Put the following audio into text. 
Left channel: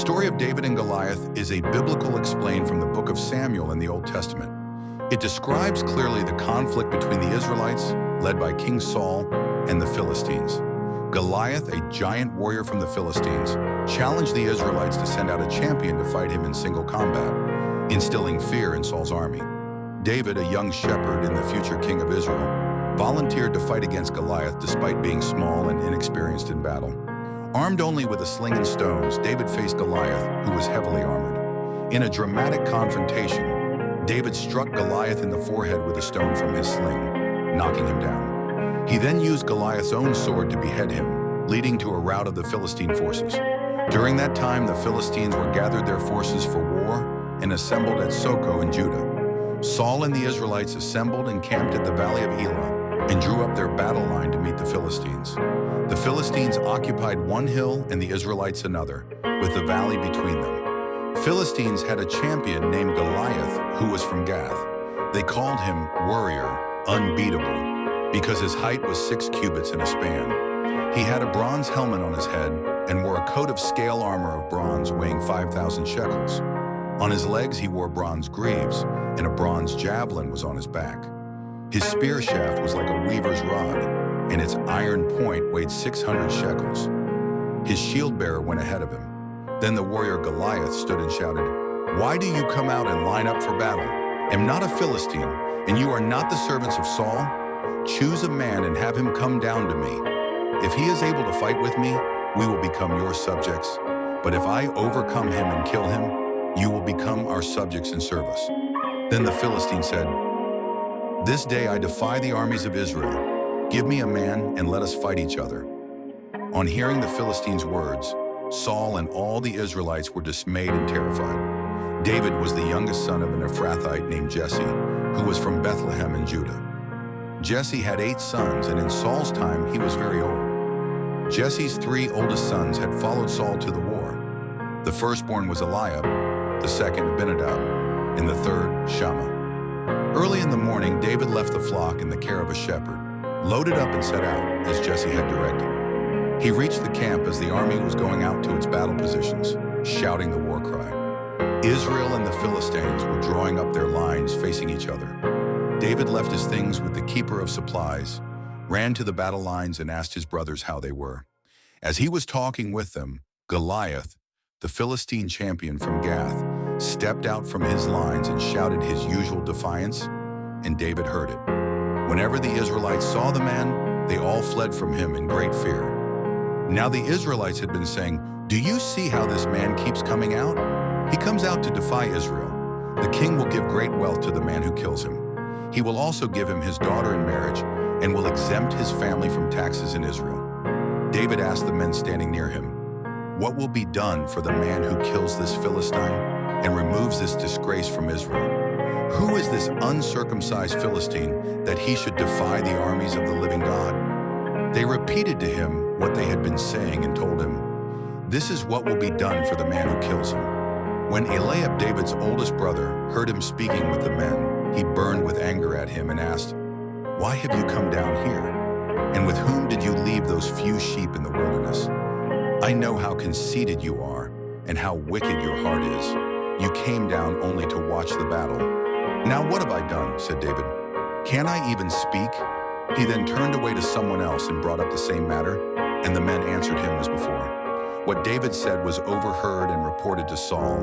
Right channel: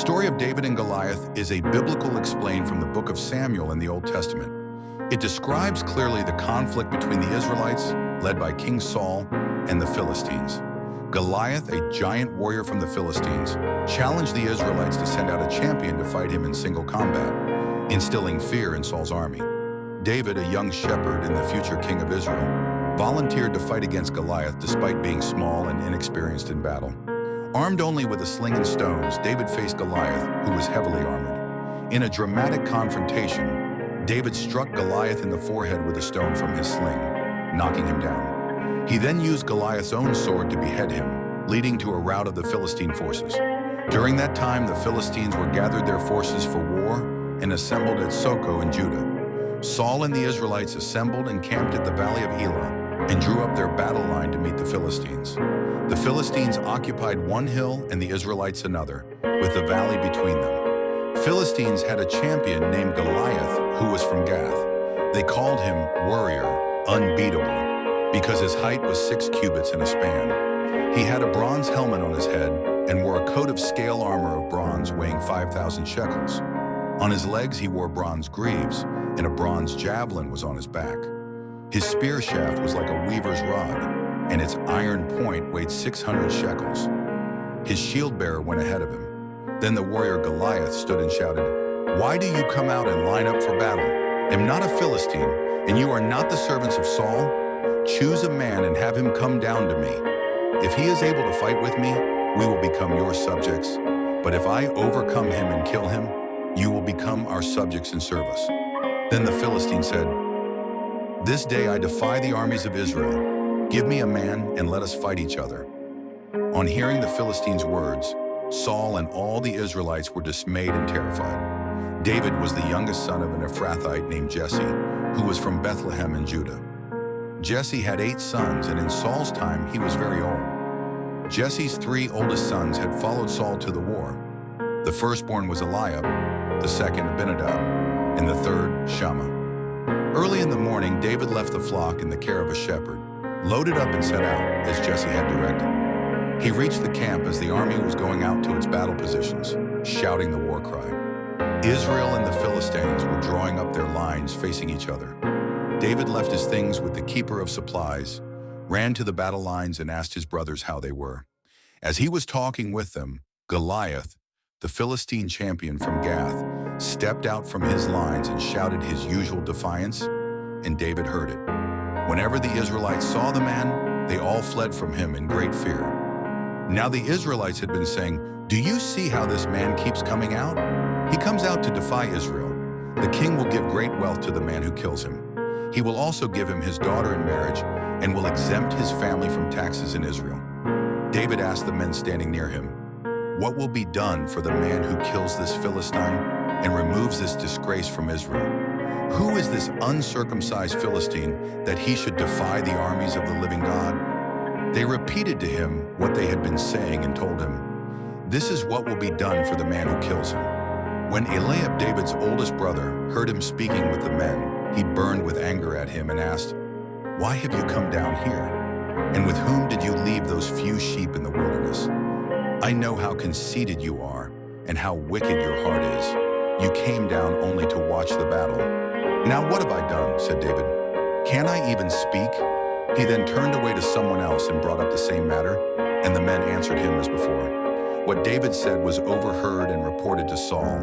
story of David and Goliath is a biblical explained from the book of Samuel in the Old Testament. It describes clearly the conflict between the Israelites, led by King Saul, and the Philistines. Goliath, a giant warrior from the Philistines, challenged the Israelites to send out a champion to fight him in single combat, instilling fear in Saul's army. David, a young shepherd and the future king of Israel, volunteered to fight against Goliath despite being small and inexperienced in battle. Armed only with a sling and stones, David faced Goliath, who was heavily armored. In a dramatic confrontation, David struck Goliath in the forehead with a stone from his sling, knocking him down. He then used Goliath's own sword to behead him, leading to a rout of the Philistine forces. During that time, the Philistines were gathered their forces for war and assembled at Soko in Judah. Saul and the Israelites assembled and camped at the valley of Elah and drew up their battle line to meet the Philistines. The Philistines occupied one hill and the Israelites another, with the valley between them. Philistines had a champion named Goliath who was from Gath. They called him Warrior, Unbeatable, because his height was 6 cubits and a span. He had a bronze helmet on his head and wore a coat of scale armor of bronze weighing 5,000 shekels. On his legs he wore bronze greaves, and a bronze javelin was on his back. His spear shaft was like a weaver's rod, and its iron point weighed 600 shekels. His shield-bearer went ahead of him. Then the warrior Goliath stood and shouted, "Why do you come out and line up for battle? Am not a Philistine, and you are not the servants of Saul? Choose a man and have him come down to me. If he is able to fight with me, we will become your subjects. But if I overcome him and kill him, you will become our subjects and serve us." Then the Philistine said, "This day I defy the armies of Israel. Give me a man and let us fight each other." On hearing the Philistines' words, Saul and all the Israelites were dismayed and terrified. David was the youngest son of an Ephrathite named Jesse, who was from Bethlehem in Judah. Jesse had 8 sons, and in Saul's time he was very old. Jesse's 3 oldest sons had followed Saul to the war. The firstborn was Eliab, the second Abinadab, and the third Shammah. Early in the morning, David left the flock in the care of a shepherd, loaded up and set out, as Jesse had directed. He reached the camp as the army was going out to its battle positions, shouting the war cry. Israel and the Philistines were drawing up their lines facing each other. David left his things with the keeper of supplies, ran to the battle lines and asked his brothers how they were. As he was talking with them, Goliath, the Philistine champion from Gath, stepped out from his lines and shouted his usual defiance, and David heard it. Whenever the Israelites saw the man, they all fled from him in great fear. Now the Israelites had been saying, "Do you see how this man keeps coming out? He comes out to defy Israel. The king will give great wealth to the man who kills him. He will also give him his daughter in marriage and will exempt his family from taxes in Israel." David asked the men standing near him, "What will be done for the man who kills this Philistine and removes this disgrace from Israel? Who is this uncircumcised Philistine that he should defy the armies of the living God?" They repeated to him what they had been saying and told him, "This is what will be done for the man who kills him." When Eliab, David's oldest brother, heard him speaking with the men, he burned with anger at him and asked, "Why have you come down here? And with whom did you leave those few sheep in the wilderness? I know how conceited you are and how wicked your heart is. You came down only to watch the battle." "Now what have I done?" said David. "Can I even speak?" He then turned away to someone else and brought up the same matter, and the men answered him as before. What David said was overheard and reported to Saul.